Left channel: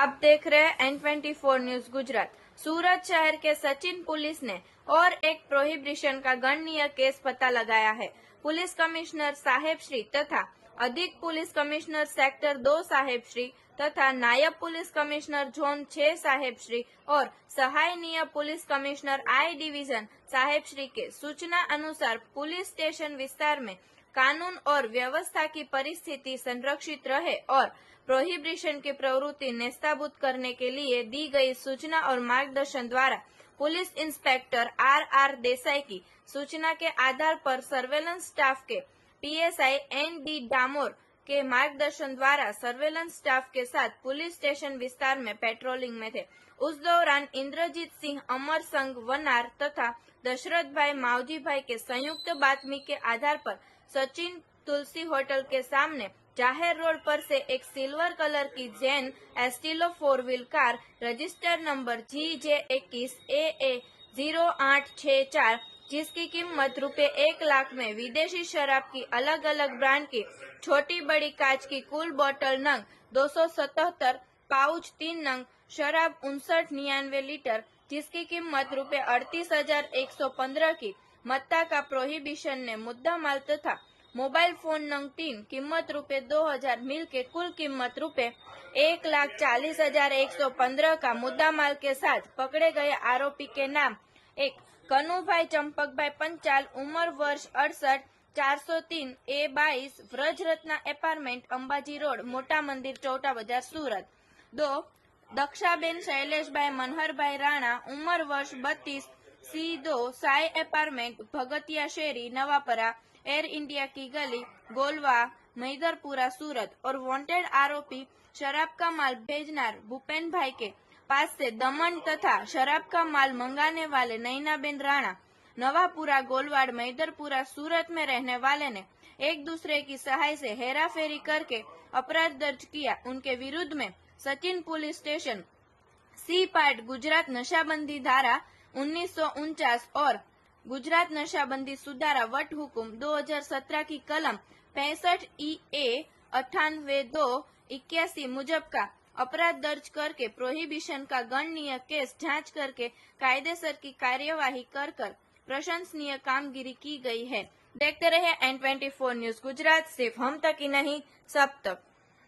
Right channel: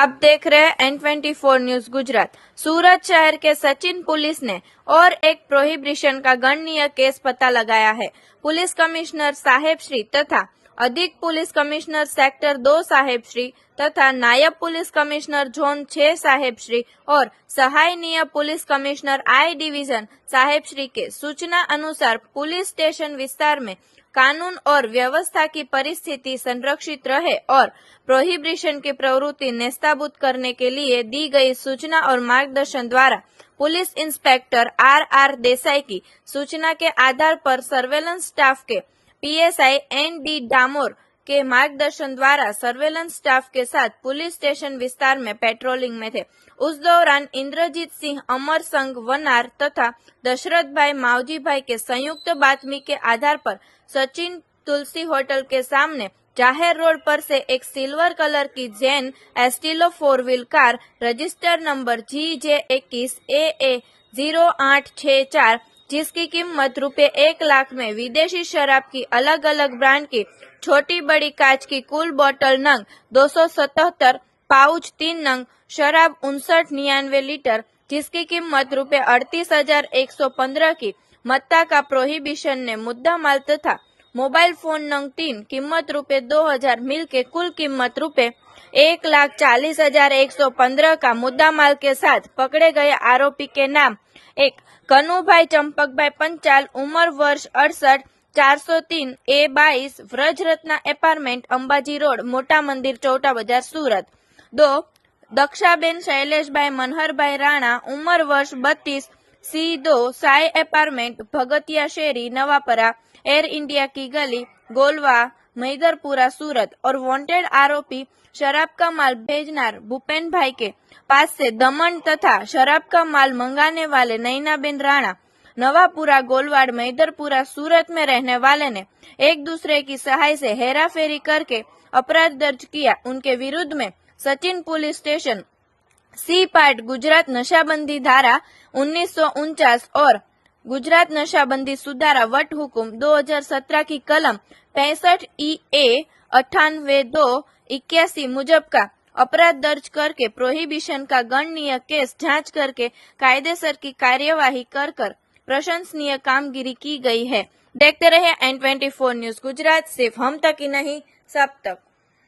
आप देख रहे हैं N24 न्यूज गुजरात। सूरत शहर के सचिन पुलिस ने और एक प्रोहिबिशन का गणनीय केस पता लगाया है। पुलिस कमिश्नर साहेब श्री तथा अधिक पुलिस कमिश्नर सेक्टर 2 साहेब श्री तथा नायब पुलिस कमिश्नर जोन 6 साहेब श्री और सहायनीय पुलिस कमिश्नर आई डिवीजन साहेब श्री के सूचना अनुसार पुलिस स्टेशन विस्तार में कानून और व्यवस्था की परिस्थिति संरक्षित रहे और प्रोहिबिशन की प्रवृत्ति नेस्ताबूद करने के लिए दी गई सूचना और मार्गदर्शन द्वारा पुलिस इंस्पेक्टर आर देसाई की सूचना के आधार पर सर्वेलेंस स्टाफ के पीएसआई एन.डी. डामोर के मार्गदर्शन द्वारा सर्वेलेंस स्टाफ के साथ पुलिस स्टेशन विस्तार में पेट्रोलिंग में थे। उस दौरान इंद्रजीत सिंह अमर संघ वनार तथा दशरथ भाई मावजी भाई के संयुक्त बातमी के आधार पर सचिन तुलसी होटल के सामने जाहिर रोड पर से एक सिल्वर कलर की Zen Estilo 4 wheel car register number GJ21 AA 0864 जिसकी कीमत ₹1 लाख में विदेशी शराब की अलग अलग ब्रांड की छोटी बड़ी कांच की कुल बोतल नंग 277 पाउच 3 नंग शराब 5999 लीटर जिसकी कीमत ₹38,115 की मत्ता का प्रोहिबिशन ने मुद्दा माल तथा मोबाइल फोन नंग 3 कीमत ₹2,000 मिल के कुल कीमत ₹1,40,115 का मुद्दा माल के साथ पकड़े गए आरोपी के नाम एक कनुभाई चंपकभाई पंचाल उम्र वर्ष 68 403 A22 व्रजरत्ना अपार्टमेंट अंबाजी रोड मोटा मंदिर चौटा बाजार सूरत। 2 दक्षाबेन शैलेषभाई मनहरभाई राणा उम्र वर्ष 32 C2 साई अपार्टमेंट भगतिया शेरी नवापरा एयर इंडिया की गली गोलवा मैदरपुरा सूरत और वांटेड आरोपी शराब का माल भेजनार भूपेन भाई के पास से दमन तथा शराब का माल मंगाने वाले नैनाबेन राणा नवापुरा गोलवाड़ मैदरपुरा सूरत में रहने वाले ने एक दूसरे की सहाय से हेराफेरी करके अपराध दर्ज किया। उनके विरुद्ध में Sachin police station C part Gujarat नशाबंदी धारा 1949 और गुजरात नशाबंदी सुधारा वट हुकुम 2017 की कलम 65 EA 98(2)81 मुजब का अपराध दर्ज करके प्रोहिबिशन का गणनीय केस जांच करके कायदेसर की कार्यवाही कर प्रशंसनीय कामगिरी की गई है। देखते रहे N24 न्यूज गुजरात, सिर्फ हम तक ही नहीं सब तक।